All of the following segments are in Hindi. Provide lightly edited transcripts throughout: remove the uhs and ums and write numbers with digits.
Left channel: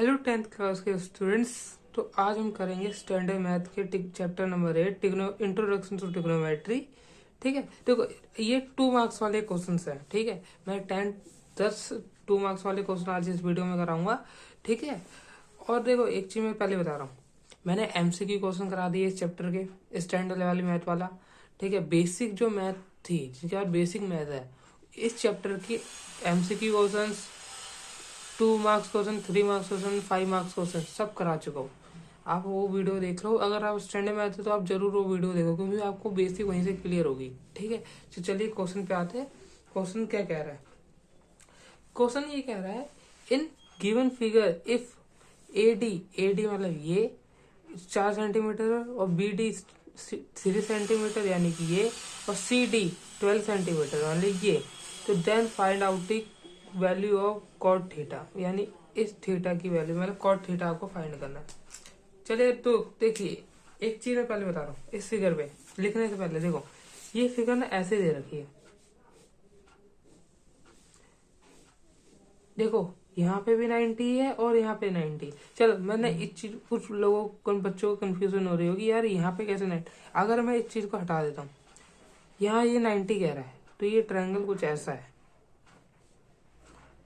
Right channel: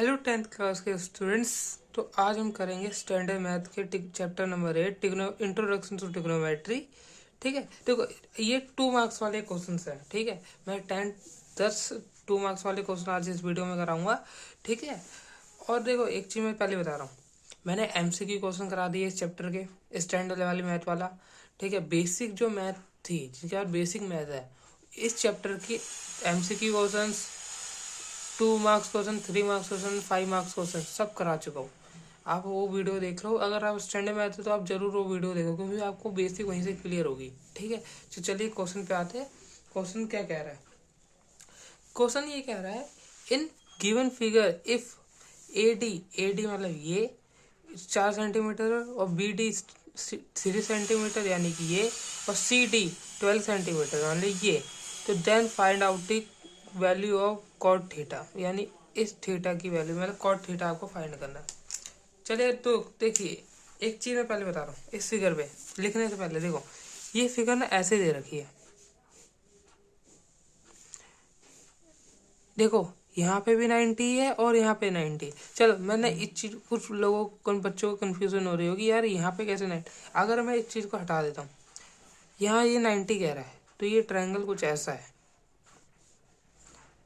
हेलो 10th क्लास के स्टूडेंट्स। तो आज हम करेंगे स्टैंडर्ड मैथ के chapter number 8 introduction to trigonometry. ठीक है, देखो ये 2 मार्क्स वाले क्वेश्चन हैं। ठीक है, मैं 10 2 मार्क्स वाले क्वेश्चन आज इस वीडियो में कराऊंगा। ठीक है, और देखो एक चीज़ मैं पहले बता रहा हूँ, मैंने एमसीक्यू क्वेश्चन करा दिए इस चैप्टर के स्टैंडर्ड वाली मैथ वाला। ठीक है, बेसिक जो मैथ थी जिसके बाद बेसिक मैथ है, इस चैप्टर की MCQ question 2 marks question, 3 marks question, 5 marks question सब करा चुका हूँ। आप वो वीडियो देख लो। अगर आप स्टैंडर्ड में आते हो तो आप जरूर वो वीडियो देखो, क्योंकि आपको बेसिक वहीं से क्लियर होगी। ठीक है, तो चलिए क्वेश्चन पे आते हैं। क्वेश्चन क्या कह रहा है? क्वेश्चन ये कह रहा है, in given figure if A D मतलब ये 4 सेंटीमीटर और BD 3 सेंटीमीटर यानी कि ये, और CD 12 सेंटीमीटर यानी ये, तो then find out the value of cot theta, यानी इस थीटा की वैल्यू मतलब कॉट थीटा आपको फाइंड करना है। चलिए तो देखिए, एक चीज मैं पहले बता रहा हूँ, इस फिगर पे लिखने से पहले देखो, ये फिगर ना ऐसे दे रखी है। देखो यहाँ पे भी 90 है और यहाँ पे 90। चलो मैंने इस चीज, कुछ लोगों को बच्चों को कंफ्यूजन हो रही होगी, यार यहाँ पे कैसे 90। अगर मैं इस चीज को हटा देता हूँ, यहाँ ये 90 कह रहा है, तो ये ट्रायंगल कुछ ऐसा है।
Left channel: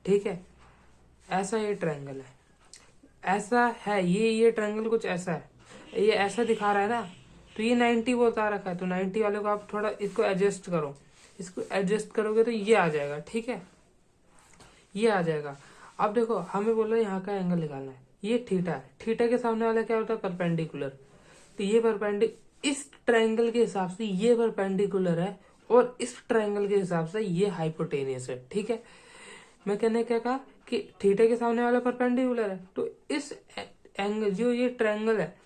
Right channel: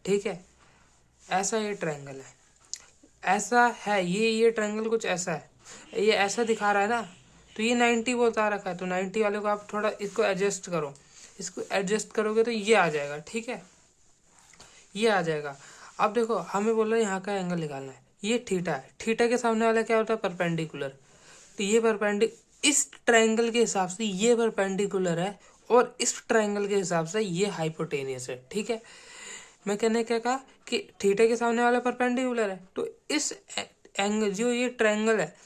ठीक है, ऐसा ये ट्रायंगल है, ऐसा है ये ट्रायंगल कुछ ऐसा है, ये ऐसा दिखा रहा है ना। तो ये 90 बता रखा है, तो 90 वाले को आप थोड़ा इसको एडजस्ट करो। इसको एडजस्ट करोगे तो ये आ जाएगा। ठीक है, ये आ जाएगा। अब देखो हमें बोला यहाँ का एंगल निकालना है, ये थीटा है। थीटा के सामने वाला क्या होता है? परपेंडिकुलर। तो ये इस ट्रायंगल के हिसाब से ये परपेंडिकुलर है, और इस ट्रायंगल के हिसाब से ये हाइपोटेनियस है। ठीक है, मैं कहने क्या कहा कि थीटा के सामने वाला परपेंडिकुलर है, तो इस एंगल जो ये ट्रायंगल है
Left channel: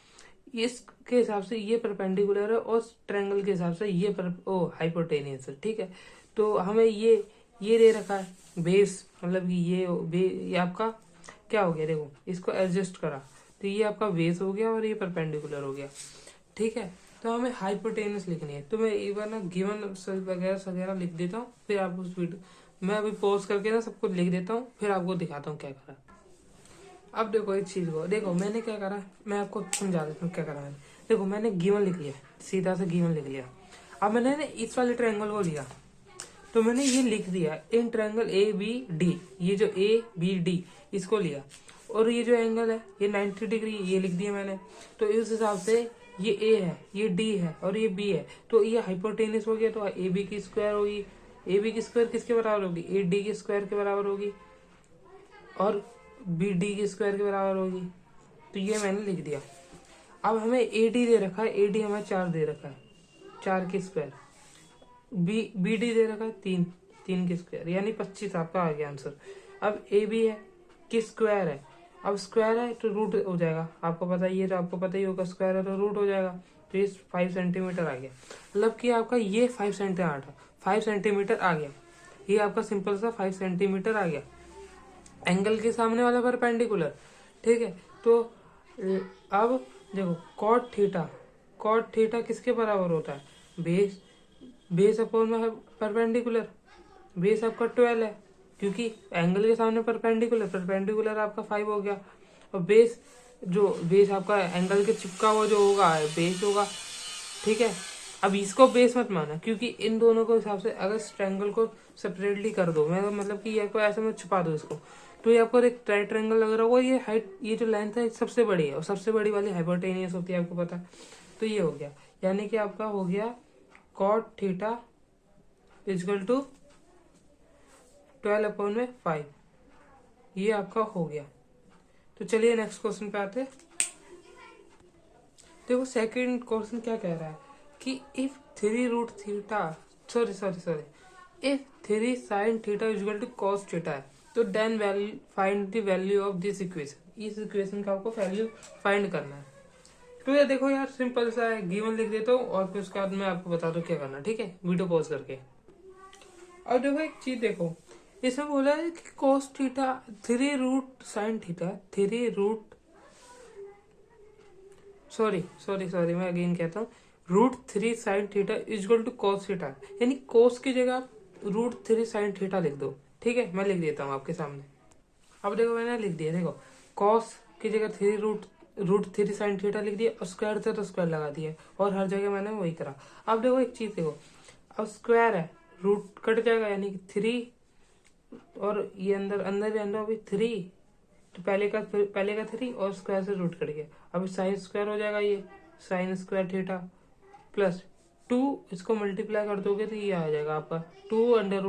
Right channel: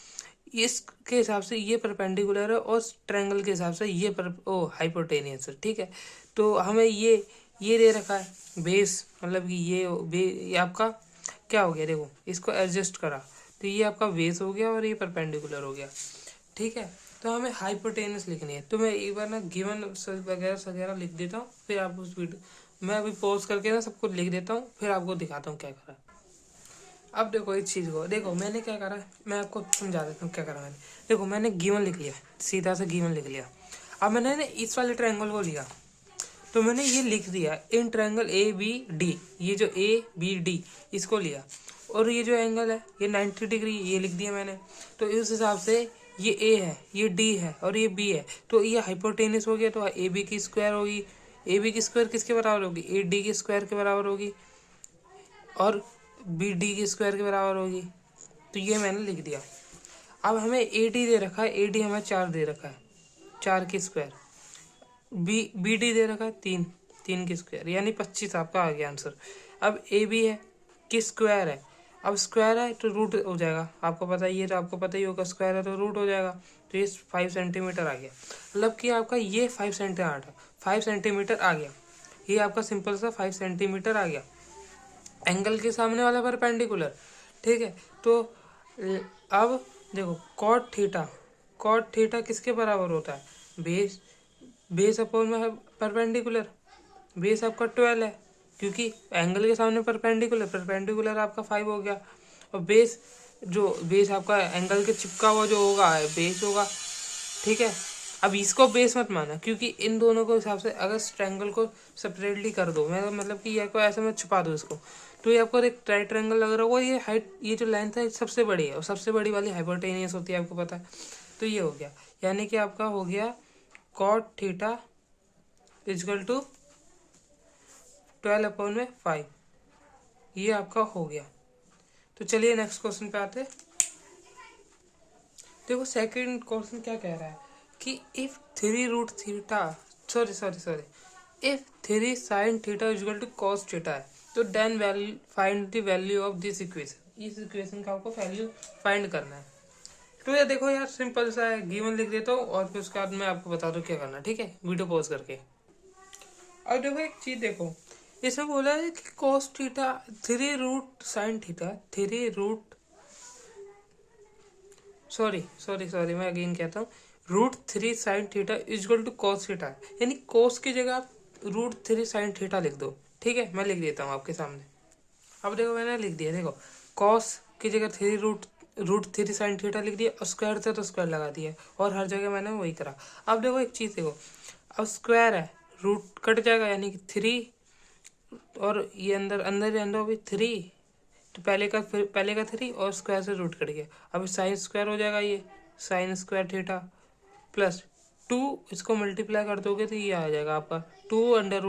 इसके हिसाब से ये परपेंडिकुलर है, और ट्रायंगल के हिसाब से ये हाइपोटेनियस है। ठीक है, तो हमें ये दे रखा है बेस, मतलब कि ये आपका क्या हो गया? देखो इसको एडजस्ट करा तो ये आपका बेस हो गया और ये परपेंडिकुलर हो गया। ठीक है, तो हमें हाइपोटेनस लिखनी है। तो मैं एक बार ना गिवन वगैरह लिख देता हूँ, फिर आप उस वीडियो मैं अभी पॉज करके ना सबको लिख देता हूँ, फिर आपको दिखाता हूँ क्या करा। अब देखो इस चीज़ को देखो, मैंने क्या करा, मैं आपको समझा देता हूँ क्या करा मैंने। देखो मैंने गिवन लिख लिया, सीधा से गिवन लिख लिया। अब मैंने ना इस वाले ट्रायंगल को लिया, तो मैंने ये लिख दिया इन ट्रायंगल ABD, ये जो ABD इसको लिया, और ये जो एंगल है ये 90 डिग्री, ये लिख दिया मैंने। तो इस हिसाब से ये A है, ये D है और ये B है, तो ये हाइपोटेनस हो गया। तो AB की स्क्वायर होगी, AB की स्क्वायर किसके बराबर होगी? AD की स्क्वायर के बराबर होगी, और BD की स्क्वायर के बराबर होगी। तो ये मैंने लिख दिया। अब हमें AD दे रखा है, AD हमें 4 दे रखा है, 4 की स्क्वायर। BD दे रखा है 3 की स्क्वायर, यानी 25 आपका आ गया आंसर। अब AB है कि स्क्वायर है, अब स्क्वायर है तो रूट हो जाएगा, आपको पता ही है, तो आपको पता ही होगा स्क्वायर है तो रूट हो जाएगा। तो ये 5 सेंटीमीटर आ गया, मतलब कि आपका ये 5 सेंटीमीटर आ गया। ये आपका सिंपल सा 5 सेंटीमीटर आ गया, एंगल के सामने वाला परपेंडिकुलर। ठीक है, तो अब देखो कॉट थीटा किसके बराबर होता है? बेस अपॉन में परपेंडिकुलर। बेस आपका 12 है, क्योंकि एंगल के सामने परपेंडिकुलर आपका 5 हो गया, और बेस आपका एंगल के चिपका हुआ जो होगा बेस होगा। ठीक है, अब इसको बेस मत माना, क्योंकि इन दोनों के हिसाब से अगर ट्रायंगल को सेपरेटली कर दो, मैं मतलब कि ये को ऐसे में छुपा दो इसको, तो ये आपको एक राइट ट्रायंगल लग रहा होगा। ये हाइट, ये जो लेंथ है सबसे बड़ी है, और सबसे बड़ी वाली हाइपोटेनियस होती है, आपको पता। तो ये हो गया, यानी कि आपका हो गया कॉट थीटा इजकल टू 12/5, ये आपका हो गया। तो चलिए नेक्स्ट क्वेश्चन पे आते। देखो सेकंड क्वेश्चन क्या कह रहा है कि if 3 root theta if 3 sine theta is equal to cos theta है, तो then find the value of this equation. इस इक्वेशन का आपको वैल्यू फाइंड करना है। तो ये देखो यार सिंपल सा है, गिवन लिख देता हूँ और फिर उसके बाद मैं आपको बता दूँ क्या करना। ठीक है, वीडियो पॉज करके। अब देखो एक चीज देखो, इसमें बोला है कि cos theta 3 root sine theta 3 root sorry मैं अगेन कहता हूँ, √3 sine theta is equal to cos theta, यानी कॉस की जगह आप √3 साइन थीटा लिख दो। ठीक है, मैं लिख देता हूँ आपके सामने। अब देखो मैंने लिख दिया, देखो कॉस की जगह three root three sine theta लिख दिया और स्क्वायर था तो स्क्वायर लगा दिया और हर जगह मैंने वही करा। अब देखो एक चीज़ देखो, अब स्क्वायर है, रूट कट जाएगा यानी कि थ्री, और ये अंदर अंदर ही अंदर भी थ्री, तो पहले का थ्री और स्क्वायर से रूट कट गया। अब साइन स्क्वायर हो जाएगा, ये sine square theta plus two, इसको मल्टीप्लाई कर दोगे तो ये आ जाएगा आपका टू अंडर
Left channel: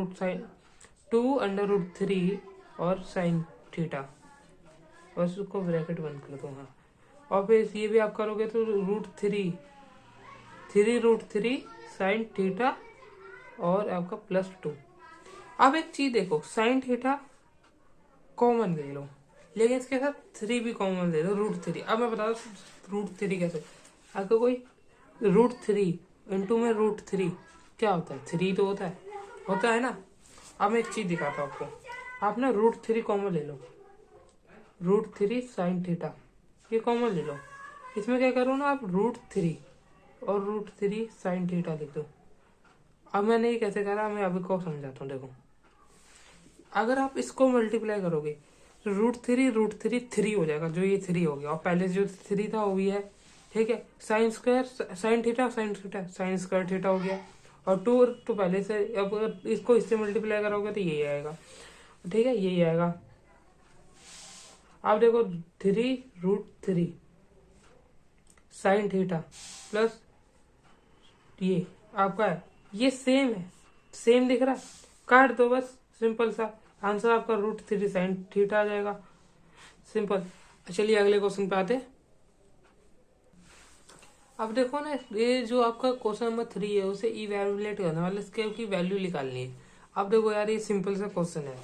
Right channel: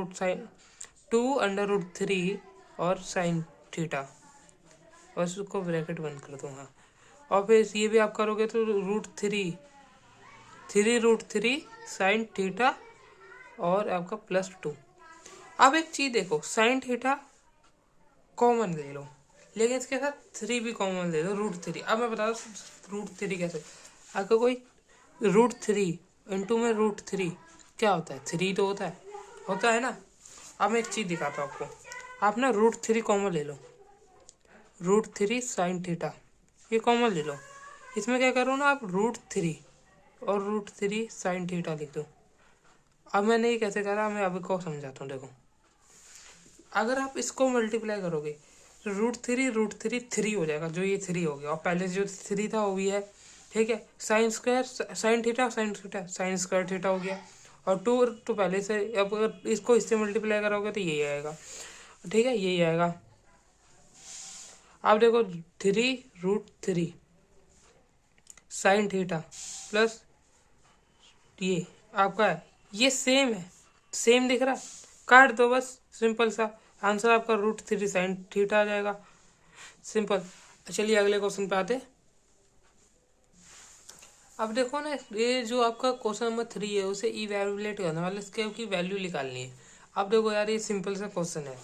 रूट थ्री और साइन थीटा, बस उसको ब्रैकेट बंद कर दो। हाँ, और फिर ये भी आप करोगे तो रूट थ्री साइन थीटा और आपका प्लस टू। अब एक चीज देखो, साइन थीटा कॉमन ले लो, लेकिन इसके साथ थ्री भी कॉमन ले लो, रूट थ्री। अब मैं बता दूँ रूट थ्री कैसे, अगर कोई रूट थ्री इंटू में रूट थ्री क्या होता है, थ्री तो होता है ना। अब मैं एक चीज़ दिखाता हूँ आपको, आप ना रूट थ्री कॉमन ले लो, रूट थ्री साइन थीटा ये कॉमन ले लो, इसमें क्या करो ना आप रूट थ्री और रूट थ्री साइन थीटा लिख दो। अब मैंने ये कैसे करा, मैं अभी को समझाता हूँ। देखो, अगर आप इसको मल्टीप्लाई करोगे तो रूट थ्री हो जाएगा, जो ये थ्री हो गया, और पहले जो थ्री था वो भी है, ठीक है। Sine square sine theta sine square theta हो गया, और टू तो पहले से, अब अगर इसको इससे मल्टीप्लाई करोगे तो यही आएगा, ठीक है, यही आएगा। अब देखो three root three sine theta plus ये आपका है, ये सेम है, सेम दिख रहा है, काट दो बस, सिंपल सा आंसर आपका रूट थ्री साइन थीटा आ जाएगा, सिंपल। चलिए अगले क्वेश्चन पे आते। अब देखो ना, ये जो आपका क्वेश्चन नंबर 3 है उसे इवैल्यूएट करना, मतलब इसके की वैल्यू निकालनी है। अब देखो यार, ये सिंपल सा क्वेश्चन है,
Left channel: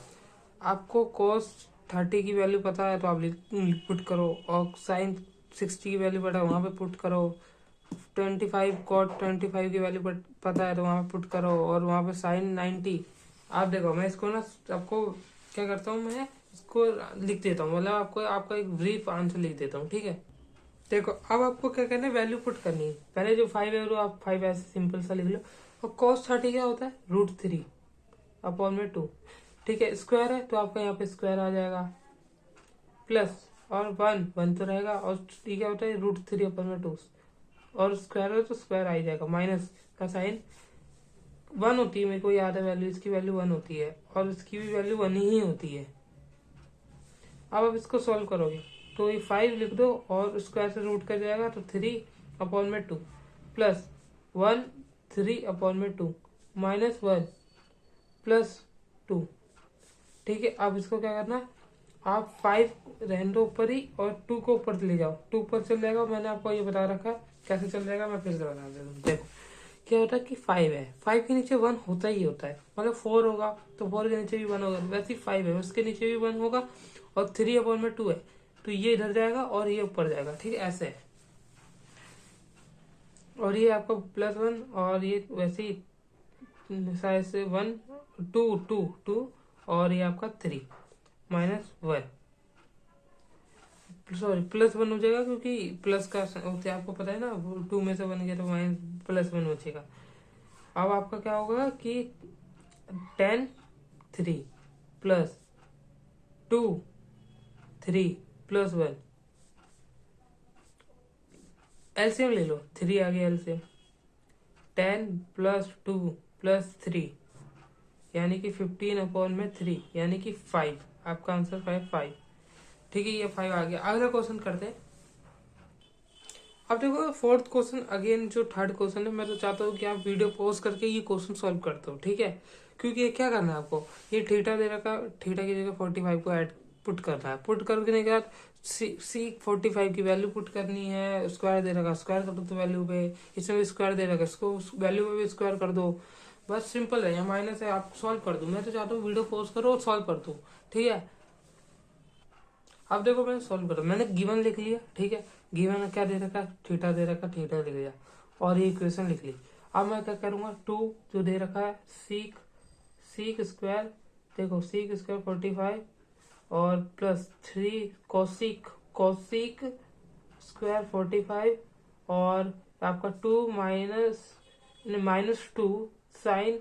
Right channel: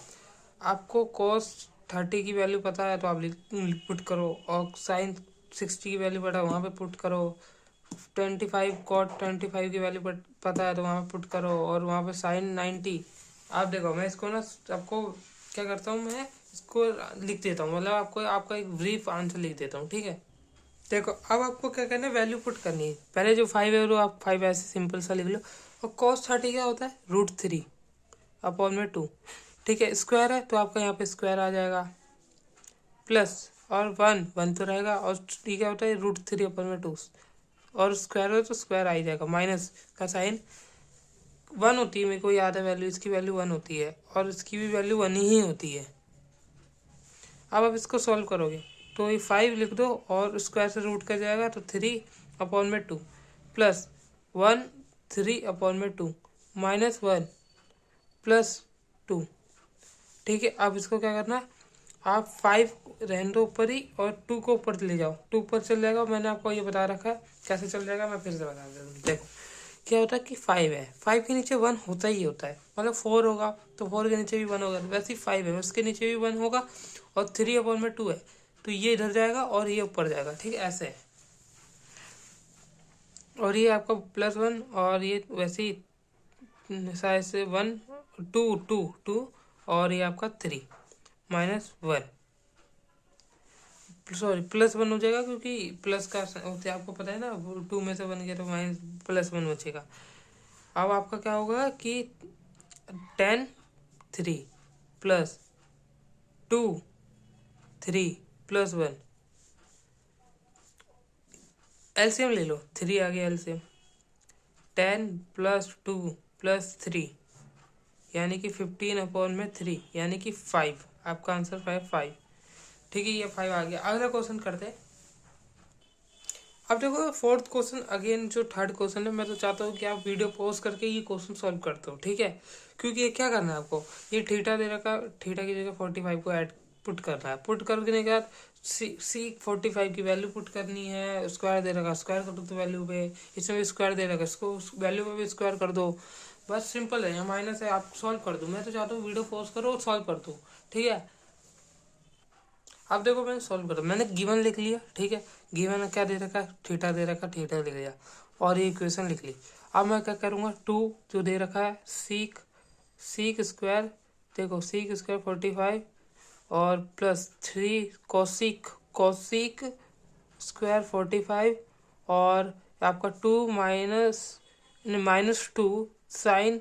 आपको cos 30 की वैल्यू पता है तो आप पुट करो, और साइन 60 की वैल्यू पता है वहाँ पे पुट करो, 25 cot 25 की वैल्यू पता है तो वहाँ पे पुट करो, और वहाँ पे साइन 90। आप देखो, मैं इसको ना आपको क्या करता हूँ, मैं इसको लिख देता हूँ, मतलब आपको आपका एक ब्रीफ आंसर लिख देता हूँ, ठीक है। देखो, अब आपको क्या करना है, वैल्यू पुट करनी है। पहले जो 5 है वो आप 5 ऐसे सिंपल सा लिख लो, और cos 30 क्या होता है, रूट थ्री अपॉन में टू, ठीक है। स्क्वायर है तो आपका यहाँ पे स्क्वायर आ जाएगा, प्लस और वन तो रहेगा, और ठीक क्या होता है, रूट थ्री अपॉन में टू, और स्क्वायर हो तो स्क्वायर आ ही जाएगा, माइनस का साइन वन होती है, मेरे को याद है वैल्यू, इसकी वैल्यू वन होती है और इसकी भी वैल्यू वन ही होती है। अब आप इसको सॉल्व करोगे तो ये 5 लिख दो, और स्क्वायर से रूट कर जाएगा तो 3 अपॉन में 2 प्लस 1 3 अपॉन में 2 माइनस 1 प्लस 2, ठीक है। अब इसको क्या करना, आप 5 रहने दो ऊपर ही, और 2 को ऊपर ले जाओ, 2 ऊपर चल जाएगा, मैंने आपको ये बता रखा है कैसे चल जाएगा, मैं फिर से बता देता हूँ। देखो क्या होता है कि 5 है, 5 के नीचे 1 होता ही होता है, मतलब 4 होगा तो 4 के नीचे भी 1 होगा, वैसे ही 5 है उसके नीचे भी 1 होगा, और 3 अपॉन में 2 है तो ये इधर जाएगा और ये ऊपर जाएगा, ठीक है, ऐसे है। और ये आपका प्लस 1, और ये वैसे ही शायद से 1 2 2 2, और ये आपका 3 माइनस 1, सॉरी प्लस 1 हो जाएगा, क्योंकि प्लस का होते आपको पता है ना, 2 में से 1 गया तो माइनस प्लस 1 बचेगा। अब आपका क्या होगा कि 10 3 प्लस 2 3 प्लस 1, एलसीएम ले लो, 3 आ गया एलसीएम, 10 प्लस 2 प्लस 3 यानी कि 15 अपॉन में 3 यानी कि 5, आपका आंसर 5, ठीक है, ये 5 आ गया। अगला क्वेश्चन करते हैं। अब देखो फोर्थ क्वेश्चन अगेन, जो थर्ड क्वेश्चन है, मैं तो चाहता हूँ कि आप वीडियो पॉज करके ये क्वेश्चन सॉल्व करते हो, ठीक है, क्योंकि ये क्या करना है आपको, ये थीटा दे रखा, थीटा की जगह 45 को ऐड पुट करना है, पुट करने के बाद सी 45 की वैल्यू पुट करनी है, स्क्वायर दे रखा स्क्वायर कर दो तो वैल्यू पे, इसमें भी स्क्वायर दे रखा इसको वैल्यू पे भी स्क्वायर कर दो, बस सिंपल है, माइनस है, आप सॉल्व कर दो। मैं तो चाहता हूँ वीडियो पॉज करो और सॉल्व कर दो, ठीक है। अब देखो मैंने सॉल्व करा, मैंने गिवन लिख लिया, ठीक है, गिवन में क्या दे रखा, थीटा दे रखा, थीटा लिख लिया, और ये इक्वेशन लिख ली। अब मैं क्या करूँगा, 2 जो दे रखा है सीक स्क्वायर, देखो सीक स्क्वायर 45 और प्लस 3 कोसिक स्क्वायर 45, और आपका 2 माइनस 2 साइन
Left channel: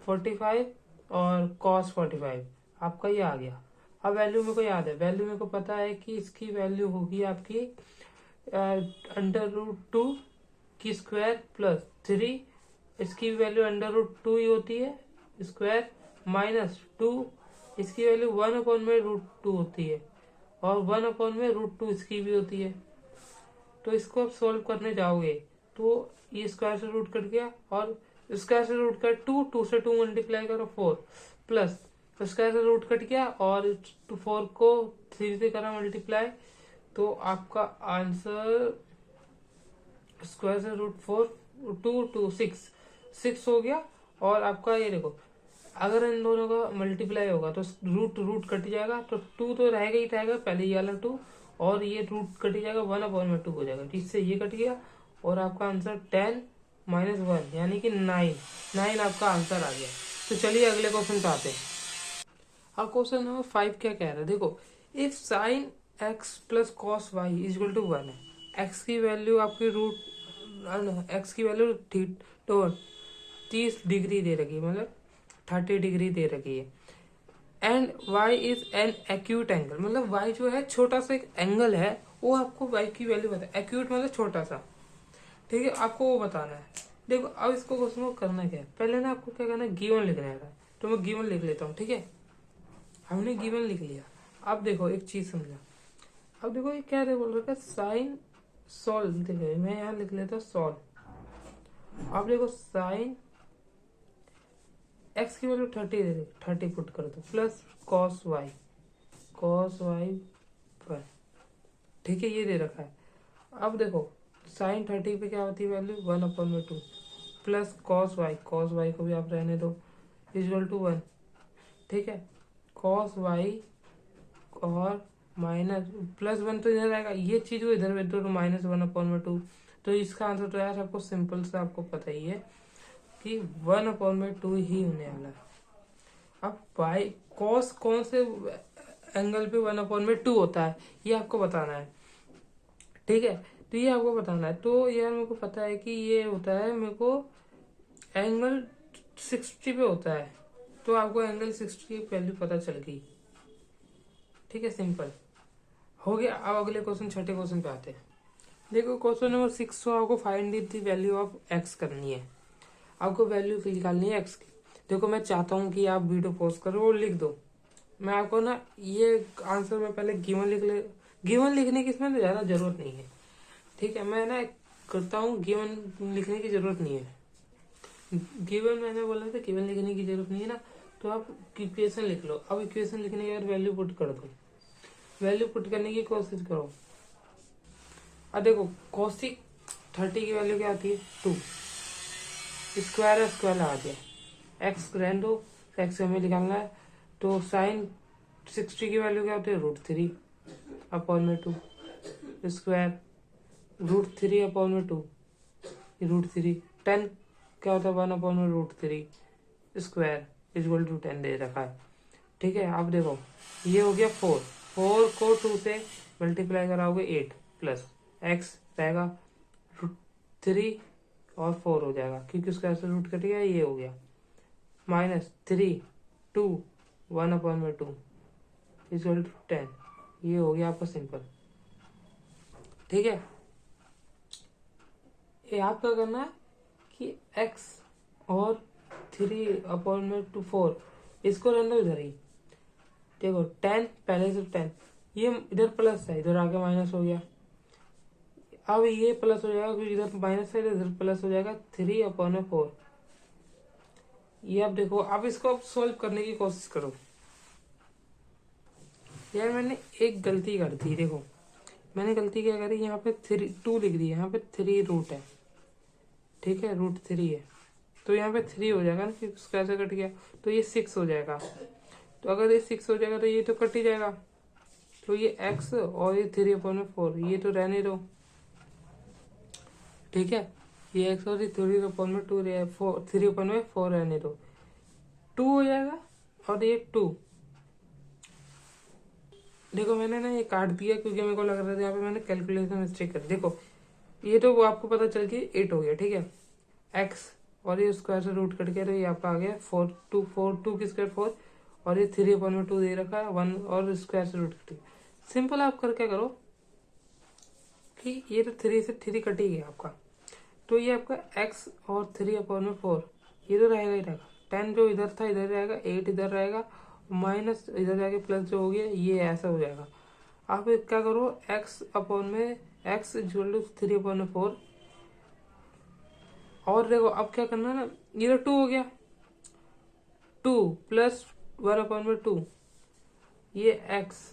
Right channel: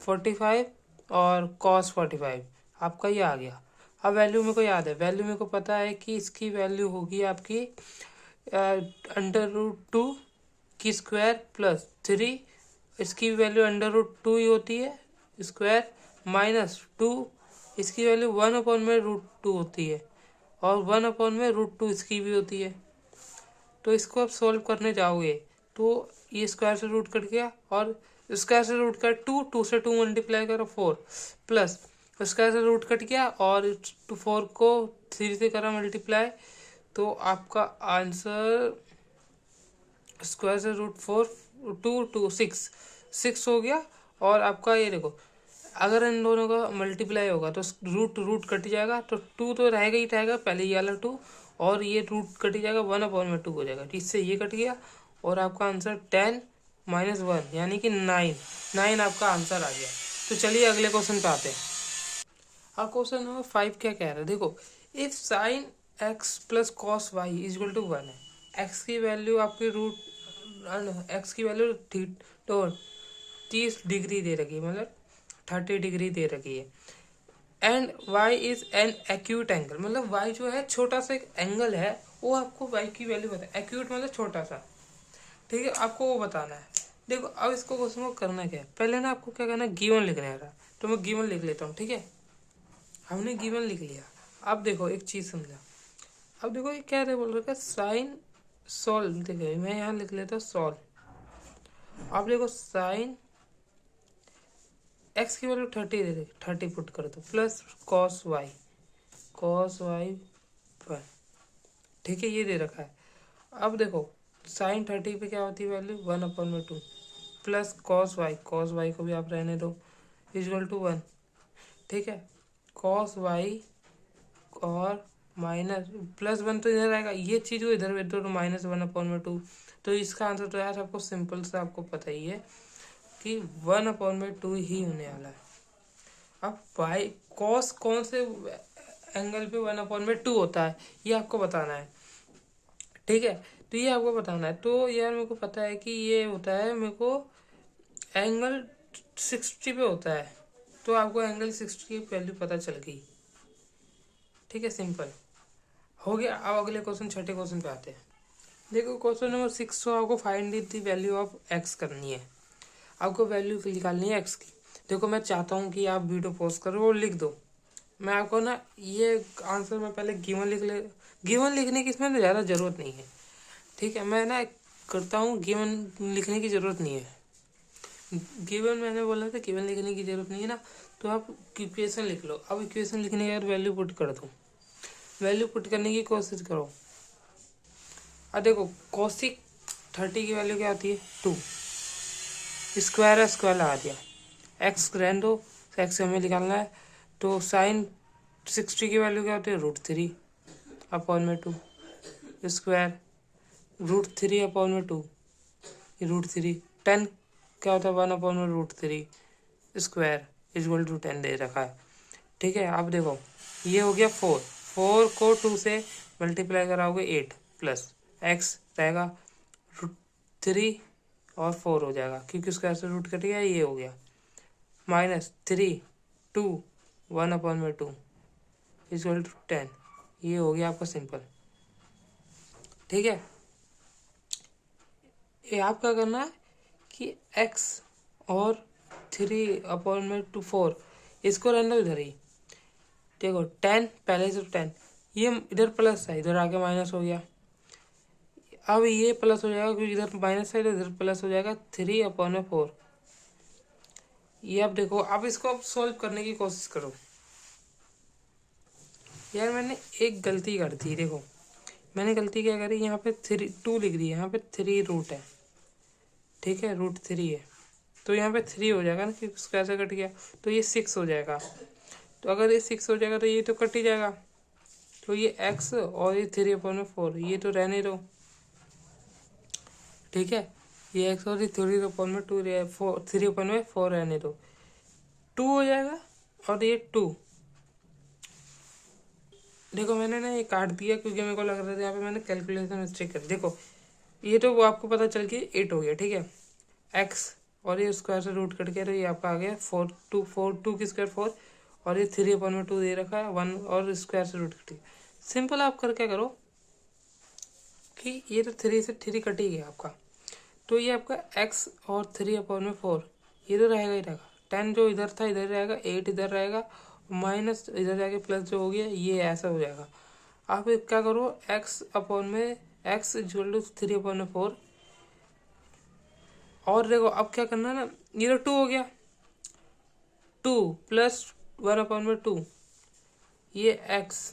45 और कॉस 45, आपका ये आ गया। अब वैल्यू मेरे को याद है, वैल्यू मेरे को पता है कि इसकी वैल्यू होगी आपकी अंडर रूट 2 की स्क्वायर प्लस 3, इसकी वैल्यू अंडर रूट 2 ही होती है स्क्वायर -2, इसकी वैल्यू 1/√2 होती है और 1/√2 इसकी भी होती है। तो इसको आप सोल्व करने जाओगे तो ये स्क्वायर से रूट कट गया और स्क्वायर से रूट कट 2 से 2 मल्टीप्लाई करो 4 प्लस स्क्वायर से रूट कट गया और 4 को 3 से करा मल्टीप्लाई, तो आपका आंसर स्क्वायर से √4 2 6 हो गया। और आपका ये देखो, अगर इन दोनों का मल्टीप्लाई होगा तो रूट रूट कट जाएगा, तो 2 तो रहेगा ही रहेगा, पहले ये वाला 2 और ये रूट कट जाएगा, 1/2 हो जाएगा, इससे ये कट गया और आपका आंसर 10 - 1 यानी कि 9 आपका आंसर आ गया। तो चलिए अगले क्वेश्चन पे आते हैं। अब क्वेश्चन नंबर 5 क्या कह रहा है, देखो if sine x plus cos y equal to 1 है, एक्स की वैल्यू आपकी एक्स की वैल्यू 30 डिग्री दे रखी है, मतलब 30 डिग्री दे रखी है, and y is an acute angle, मतलब y जो है छोटा सा एक एंगल है, वो आपको y की वैल्यू बता, एक्यूट मतलब छोटा सा, ठीक है, आपको वो बताना है। देखो अब इसको क्वेश्चन को करना क्या है, पहले ना आपको क्या करना है, गिवन लिखने का। तो मैं गिवन लिख लेता हूँ, ठीक है, हमने गिवन लिख लिया। अब देखो एक चीज समझा, अब देखो ये क्या बोल रहा है, साइन सॉल्व, देखो मैं यहाँ लिख लेता हूँ सॉल्व। अब देखो साइन एक्स की वैल्यू 30 दे, 30 पुट कर दो प्लस कॉस वाई पर, ठीक है, ये दे रखा है। अब देखो साइन 30 पे क्या होती है वैल्यू 1/2 प्लस कॉस वाई को भी आप रहने दो इक्वल टू 1, ठीक है, कॉस वाई और माइनस +1 तो इधर आएगा, ये चीज़ को इधर तो -1/2, तो इसका आंसर तो यार आपको सिंपल से आपको पता ही है कि 1/2 ही होने वाला है। अब वाई कॉस कौन से एंगल पे 1/2 होता है ये आपको बताना है, ठीक है, तो ये आपको बताना है। तो यार मेरे को पता है कि ये होता है, मेरे को एंगल 60 पे होता है, तो आपको एंगल 60 की वैल्यू पता चल गई, ठीक है, सिंपल हो गया। अब अगले क्वेश्चन, छठे क्वेश्चन पे आते हैं। देखो क्वेश्चन नंबर 6, तो आपको find the value of x करनी है, आपको वैल्यू निकालनी है एक्स की। देखो मैं चाहता हूँ कि आप वीडियो पॉज करो और लिख दो, मैं आपको ना ये आंसर में पहले गिवन गिवन लिखने की इसमें ज़्यादा ज़रूरत नहीं है, ठीक है, मैं ना करता हूँ, गिवन लिखने की ज़रूरत नहीं है, गिवन मैंने बोला था गिवन लिखने की ज़रूरत नहीं है ना, तो आप इक्वेशन लिख लो। अब इक्वेशन लिखने के बाद वैल्यू पुट कर दो, वैल्यू पुट करने की कोशिश करो। अब देखो कोसिक 30 की वैल्यू क्या होती है 2, स्क्वायर लगा दिया, एक्स रहने दो, एक्स हमें निकालना है, तो साइन 60 की वैल्यू क्या होती है √3/2 स्क्वायर, √3/2 √3, 10 क्या होता है 1/√3 स्क्वायर इक्वल टू 10 दे रखा है, ठीक है। अब देखो ये हो गया 4 को 2 से मल्टीप्लाई कराओगे 8 प्लस एक्स रहेगा √3 और 4 हो जाएगा, क्योंकि स्क्वायर से रूट कट गया, ये हो गया -3 2 1/2 इक्वल टू 10, ये हो गया आपका सिंपल, ठीक है। ये आपका करना है कि x और 3/4 इसको रहने दो इधर ही, देखो 10 पहले से 10, ये इधर प्लस है, इधर आके माइनस हो गया, अब ये प्लस हो जाएगा क्योंकि इधर माइनस है, इधर प्लस हो जाएगा 3/4। ये अब देखो, अब इसको अब सोल्व करने की कोशिश करो। यार मैंने एक गलती कर दी, देखो मैंने गलती क्या करी, यहाँ पे 2 लिख दी, यहाँ पे 3 रूट है, ठीक है, √3 है, तो यहाँ पे 3 हो जाएगा ना, फिर कैसे कट गया, तो ये 6 हो जाएगा, तो अगर ये 6 हो जाएगा तो ये तो कट ही जाएगा, तो ये x और ये 3/4 ये तो रहने दो, ठीक है, ये x और ये 3/4 रहने दो, 2 हो जाएगा और ये 2, देखो मैंने ना ये काट दिया क्योंकि मेरे को लग रहा था यहाँ पे मैंने कैलकुलेशन मिस्टेक कर, देखो ये तो वो आपको पता चल गई 8 हो गया, ठीक है, x और ये स्क्वायर से रूट कट गया, तो ये आपका आ गया 4 2 की स्क्वायर 4 और ये 3/2 दे रखा है 1 और स्क्वायर से रूट कटी। सिंपल आप कर क्या करो कि ये तो 3 से 3 कट ही गया आपका, तो ये आपका x और 3/4 ये तो रहेगा ही रहेगा। 10 जो इधर था इधर रहेगा, 8 इधर रहेगा, माइनस इधर जाके प्लस जो हो गया ये ऐसा हो जाएगा। आप क्या करो x इक्वल टू 3/4 और देखो अब क्या करना है ना, ये तो 2 हो गया, 2 प्लस 1/2 ये x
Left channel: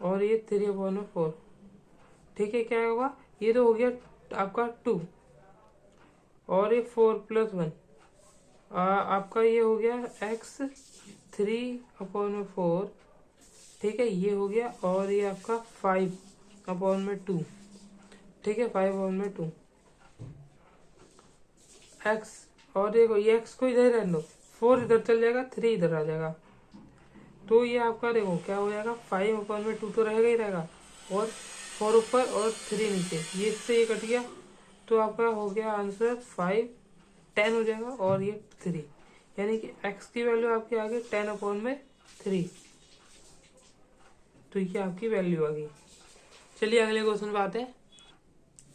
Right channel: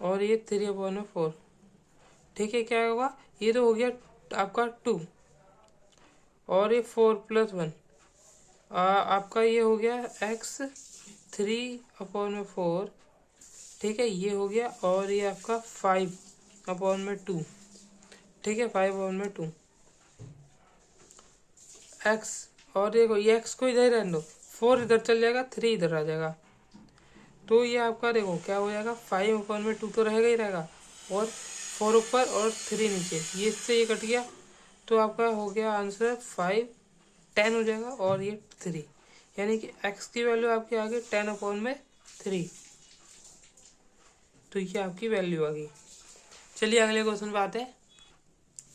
और ये 3/4। ठीक है, क्या होगा, ये तो हो गया आपका 2 और ये 4+1 आपका ये हो गया x 3/4। ठीक है, ये हो गया और ये आपका 5/2। ठीक है, 5/2 x और देखो ये x को इधर रहने दो, 4 इधर चल जाएगा, 3 इधर आ जाएगा, तो ये आपका देखो क्या हो जाएगा, 5/2 तो रहेगा ही रहेगा और 4 ऊपर और 3 नीचे, ये इससे ये कट गया, तो आपका हो गया आंसर 5 10 हो जाएगा और ये 3, यानी कि x की वैल्यू आपकी आ गई 10/3। तो ये आपकी वैल्यू आ गई। चलिए अगले क्वेश्चन पे आते हैं।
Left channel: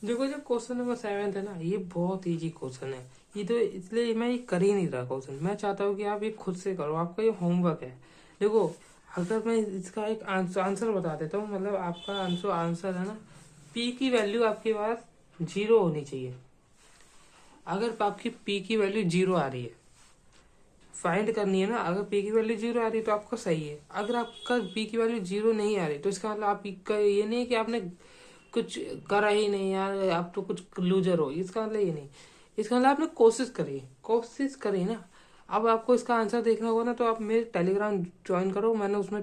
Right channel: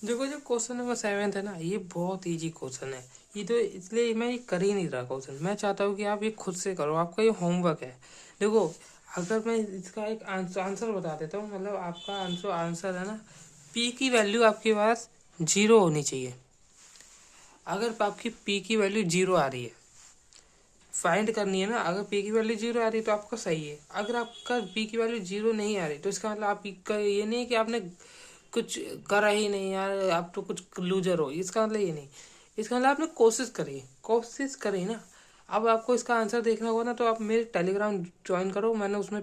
देखो जो क्वेश्चन नंबर 7 है ना, ये बहुत इजी क्वेश्चन है, ये तो इसलिए मैं ये कर ही नहीं रहा क्वेश्चन, मैं चाहता हूँ कि आप ये खुद से करो, आपका ये होमवर्क है। देखो अगर मैं इसका एक आंसर बता देता हूँ, मतलब आपका आंसर है ना, पी की वैल्यू आपके पास 0 होनी चाहिए। अगर आपकी पी की वैल्यू 0 आ रही है, फाइंड करनी है ना, अगर पी की वैल्यू 0 आ रही है तो आपका सही है। अगर आपका पी की वैल्यू 0 नहीं आ रही तो इसका मतलब आपका ये नहीं है कि आपने कुछ करा ही नहीं यार, आप तो कुछ लूजर हो, इसका मतलब ये नहीं। इसका मतलब आपने कोशिश करी ना। अब आपको इसका आंसर देखना होगा ना, तो आप मेरे टेलीग्राम ज्वाइन करो, मैंने उसमें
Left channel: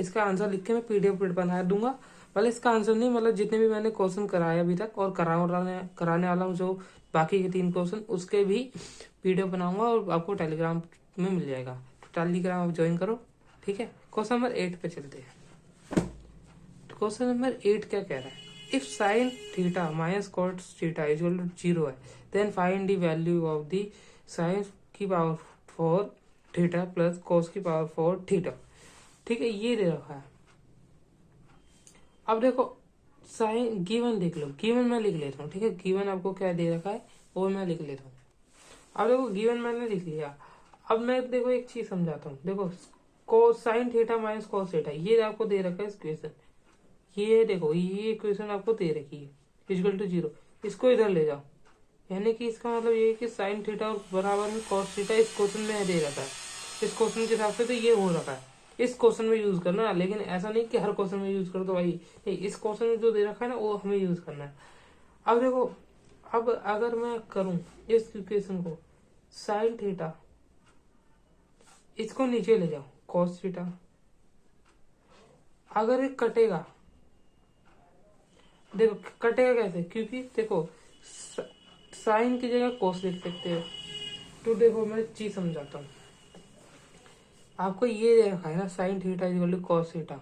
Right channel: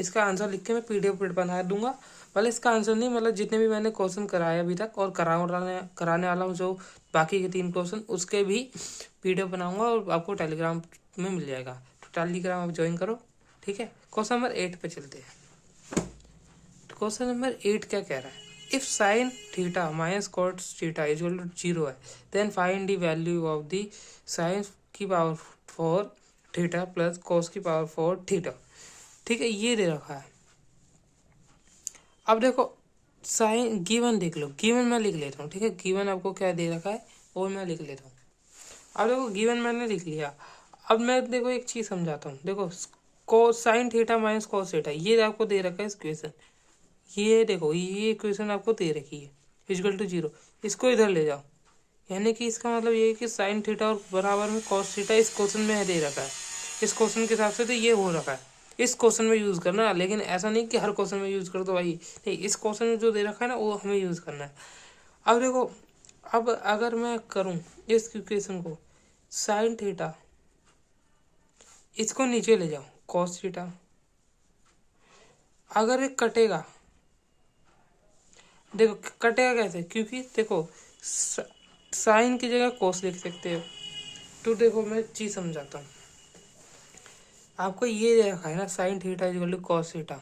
इसका आंसर लिख के मैं PDF बना दूंगा। भले इसका आंसर नहीं, मतलब जितने भी मैंने क्वेश्चन कराए अभी तक और कराने वाला हूँ, जो बाकी के 3 क्वेश्चन उसके भी PDF बनाऊंगा और आपको टेलीग्राम में मिल जाएगा। तो टेलीग्राम आप ज्वाइन करो। ठीक है, क्वेश्चन नंबर 8 पे चलते हैं। क्वेश्चन नंबर 8 क्या कह रहा है, if sine theta minus cos theta equal to 0 है, then find the value of the sine की पावर 4 थीटा प्लस कॉस की पावर 4 थीटा। ठीक है, ये दे रखा है। अब देखो साइन गिवन देख लो, गिवन मैं लिख लेता हूँ। ठीक है, गिवन आपको क्या दे रखा है वो मैं लिख लेता हूँ। अब देखो गिवन मैंने लिख लिया। अब मैं देखो एक चीज समझाता हूँ। देखो कोस sign theta minus cos theta ये आपको दे रखा है इस क्वेश्चन, ये देखो ये इक्वेशन आपको दे रखी है इक्वल टू 0, इसको इधर ले जाओ, यानी कि इसका मतलब ये है कि साइन थीटा और बराबर में कॉस थीटा इस क्वेश्चन में दे रखा है। इस क्वेश्चन के हिसाब से तो ये हो रखा है, इस क्वेश्चन में यूज करना, लेकिन ऐसा नहीं कि हर क्वेश्चन में यूज कर दो भाई, नहीं, इस क्वेश्चन में जो दे रखा है ना वो हमें यूज करना है। अब देखो, अब अगर मैं करूँ इस इक्वेशन को साइन थीटा, इसको नीचे ले जाओ कॉस थीटा, अगर ये कटेगा, देखो कटेगा कैसे, क्योंकि देखो साइन की जगह कोस लिख सकते हो। तो देखो मैं चीज समझाता हूँ आपको, ये दे रखा है ना sine theta equal to cos theta,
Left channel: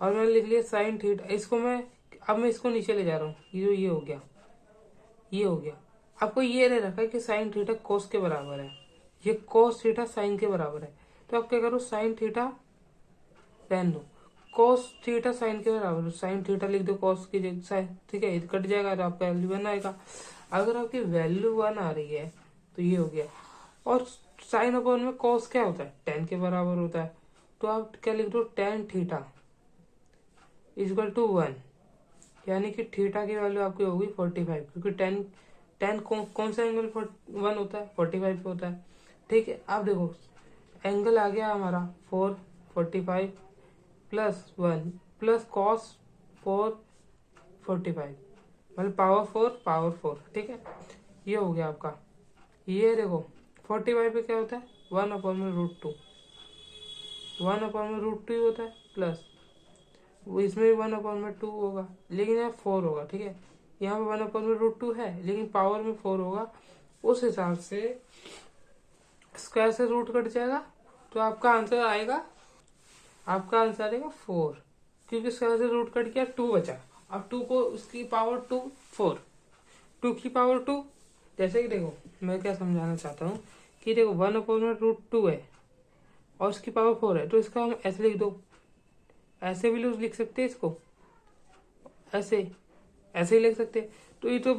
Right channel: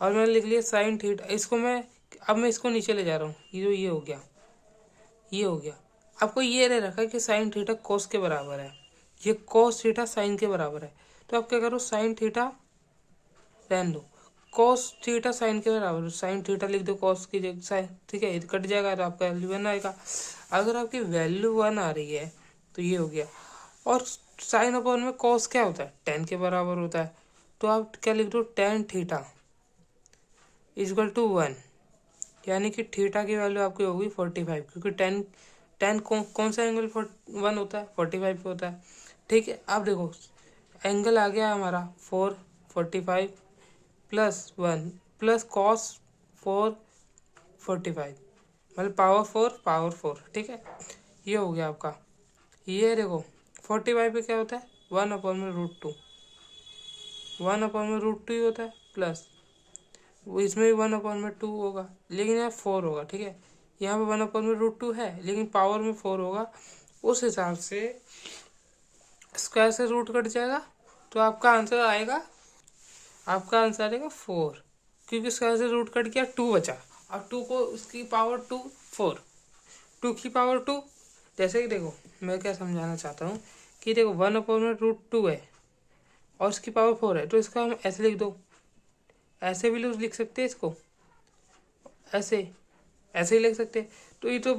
और मैंने लिख लिया साइन थीटा, इसको मैं अब मैं इसको नीचे ले जा रहा हूँ, ये हो गया, ये हो गया। आपको ये दे रखा है कि साइन थीटा कोस के बराबर है, ये कॉस थीटा साइन के बराबर है, तो आप क्या करो साइन थीटा रहने दो, कॉस थीटा साइन के बराबर, साइन थीटा लिख दो कॉस की जगह साइन। ठीक है, कट जाएगा तो आपका वैल्यू 1 आएगा। अगर आपकी वैल्यू 1 आ रही है तो ये हो गया, और साइन अपॉन में कॉस क्या होता है 10 के बराबर होता है, तो आप क्या लिख दो tan थीटा इक्वल टू 1, यानी कि थीटा की वैल्यू आपकी होगी 45, क्योंकि टेन कौन सा एंगल 1 होता है 45 पे होता है। ठीक है, अब देखो एंगल आ गया हमारा 445 +1 प्लस कॉस 445, मतलब पावर 4। ठीक है, ये हो गया आपका, ये देखो 45 पे क्या होता है 1/√2, 1/√2 ही होता है, प्लस इसमें भी 1/2 होगा, लेकिन यहाँ 4 होगा। ठीक है, यहाँ पे 1/√2 है लेकिन पावर में 4 होगा, उस हिसाब से स्क्वायर से रूट कट जाएगा, तो आपका आंसर आएगा 4, क्योंकि स्क्वायर से रूट कट गया 2 बचा। अब 2 को इसकी पावर 4, 2 की पावर 2, जैसे कि देखो मैं क्या समझाना चाहता हूँ, कि देखो 1/√2 है और उसकी पावर 4 है, तो इसका हम ऐसे लिख दो, ऐसे भी लिख सकते हैं इसको, ऐसे ऐसे ही लिख सकते हैं। तो ये तो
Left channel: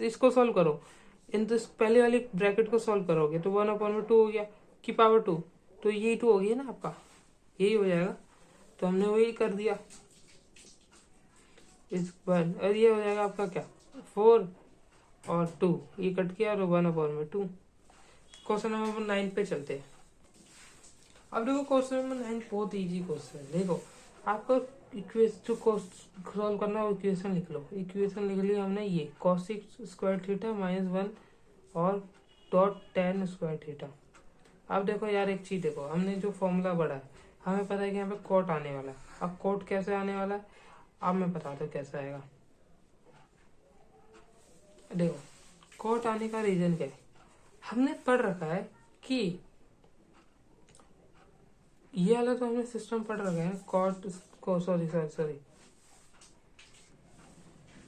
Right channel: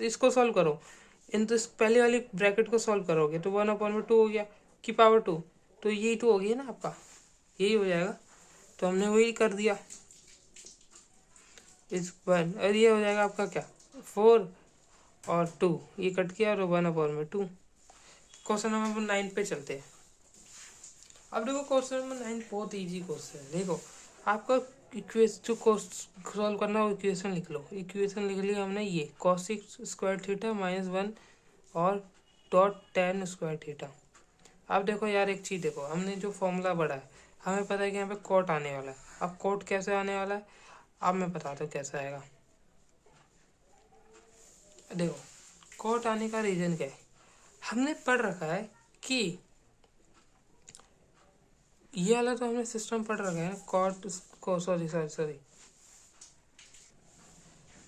इसको सॉल्व करो, इन तो पहले वाली ब्रैकेट को सॉल्व करोगे तो 1/2 हो गया की पावर 2, तो यही तो हो गई ना आपका, यही हो जाएगा। तो हमने वही कर दिया इस वन, और ये हो जाएगा आपका क्या 4 और 2, ये कट किया और 1/2। क्वेश्चन नंबर 9 पे चलते हैं। अब देखो क्वेश्चन नंबर 9 बहुत इजी क्वेश्चन है। देखो आपका इक्वेशन जो सॉल्व करना है इक्वेशन लिख लो। इक्वेशन लिख लिया हमने, ये cos² -1 और tan²। अब देखो यार एक चीज़ देखो, हमने जो फॉर्मूला बढ़ा है हमें पता है कि यहाँ पे कॉट आने वाला है। अब कॉट कैसे आने वाला है अब मैं बताता हूँ कैसे आएगा। देखो कॉट आने का रीजन क्या है, हमने पढ़ रखा है कि ये वाला तो हमने सिस्टम पढ़ रखा है कॉट को, सॉरी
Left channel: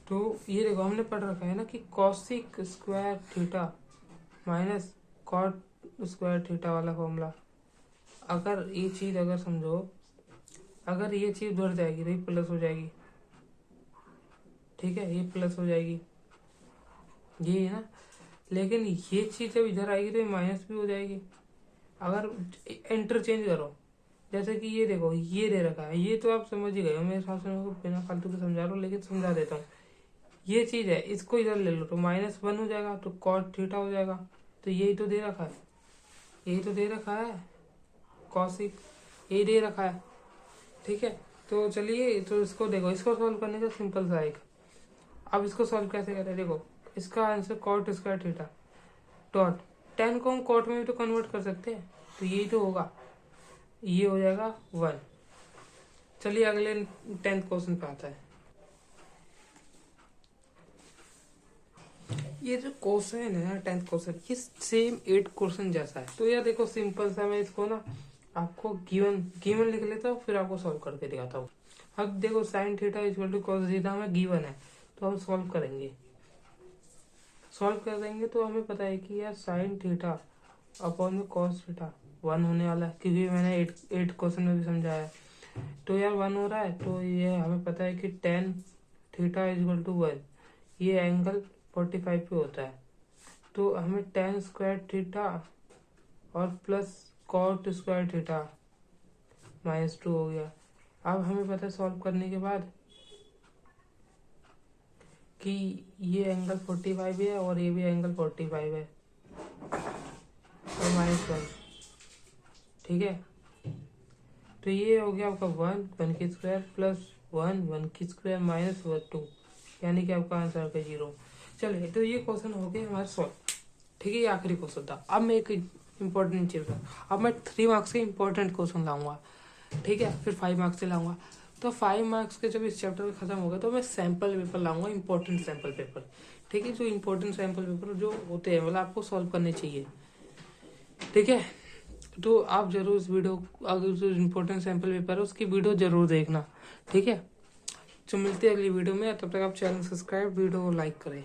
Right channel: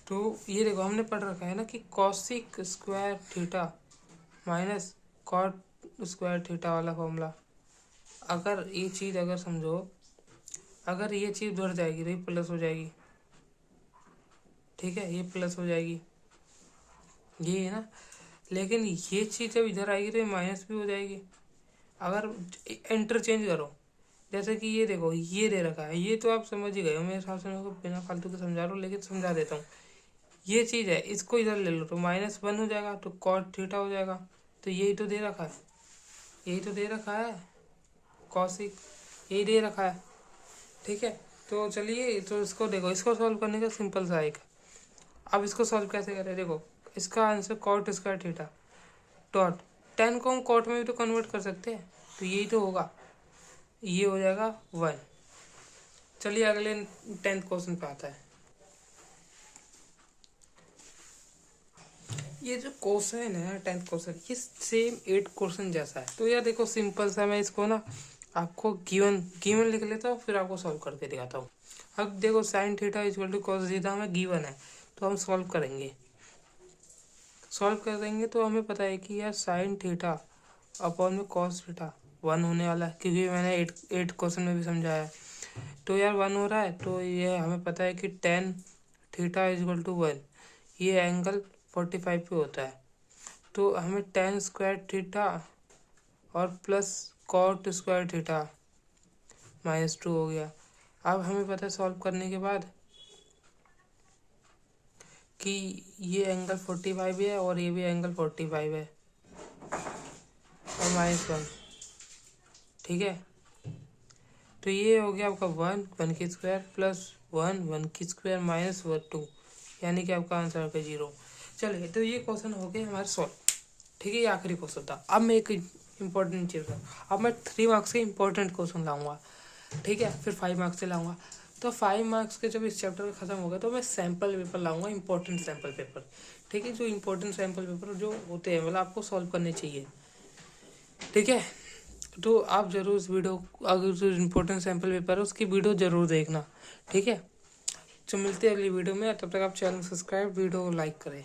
तो ये देखो हमने पढ़ रखा है ना कि cos² माइनस cot² वाला फॉर्मूला। अगर ये चीज़ अगर समझो, अगर ये चीज़ उधर जाएगी तो ये प्लस हो जाएगी, ठीक है, ये प्लस हो जाएगी, ये है ना। लेकिन ये चीज़ जब इधर आएगी तो ये माइनस भी हो जाएगी। अगर इंटरचेंज करो, जैसे कि ये देखो ये दे रखा है, ये तो आप समझ ही गए हो मेरे हिसाब से, मैं बिना फालतू के समझा रहा हूँ लेकिन समझा देता हूँ। ये चीज़ है, इसको इधर ले लो तो -1 हो जाएगा, तो cot हो जाएगा। तो यही तो दे रखा है, यही तो दे रखा है, कॉसिक यही दे रखा है, ठीक है। तो चलिए तो इसको देखो, इसको सॉल्व करने का सिंपल सा एक, अब इसको सॉल्व कैसे करें। देखो इसका आंसर cot² डॉट tan को हम कॉट में भी तो कन्वर्ट कर सकते हैं, तो यही तो होगा, ये हो जाएगा 1। चलिए अगले 10th क्वेश्चन पे आता है। ये जो क्वेश्चन है ना 10th क्वेश्चन, ये सेम 8 क्वेश्चन जैसा है। तो यार देखो सिंपल सा, मैं इसको ना आपको गिवन लिख लेता हूँ, फिर आपको सॉल्व करके दिखाता हूँ। अब देखो sin θ = cos θ हमें गिवन है, तो हम सॉल्व करेंगे तो हमें पता है कि यार sin θ अपॉन में cos θ 1 होने वाला है, क्योंकि मैंने 8 क्वेश्चन में भी समझाया है। तो यार 1 हो रहा है, तो ये हमें पता है कि tan θ = 1, ये एंगल 45 पे होता है। तो हमें tan² और प्लस cot² -2 हो गया। अब हमें पता है सॉल्व करने के बाद कि ये एंगल 45 है और ये भी एंगल 45 है और -1, ठीक है। तो ये हो गया आपका 1 प्लस 1 -2, यानी कि आपका आंसर है 0। चलिए तो ये क्वेश्चन हो गए हमारे सॉल्व, ठीक है। ये आखिरी क्वेश्चन था। अब मैं एक इम्पोर्टेंट चीज़ है, अब मैं 3 मार्क्स के इम्पोर्टेंट क्वेश्चन लाऊंगा, ठीक है, फिर 5 मार्क्स से लाऊंगा। तो 5 मार्क्स के जब इस चैप्टर खत्म होगा तो मैं सैम्पल पेपर लाऊंगा, इंपॉर्टेंट सैम्पल पेपर, ठीक है। जो इंपॉर्टेंट सैम्पल पेपर जो होते हैं मतलब आपको सॉल्व करने चाहिए, ठीक है। तो आप जरूर इस वीडियो, अगर जो इम्पोर्टेंट सैम्पल पेपर है उसकी वीडियो जरूर देखना, ठीक है। तो मिलते हैं अगली वीडियो में, तब तक आप चैनल सब्सक्राइब, वीडियो को लाइक करें।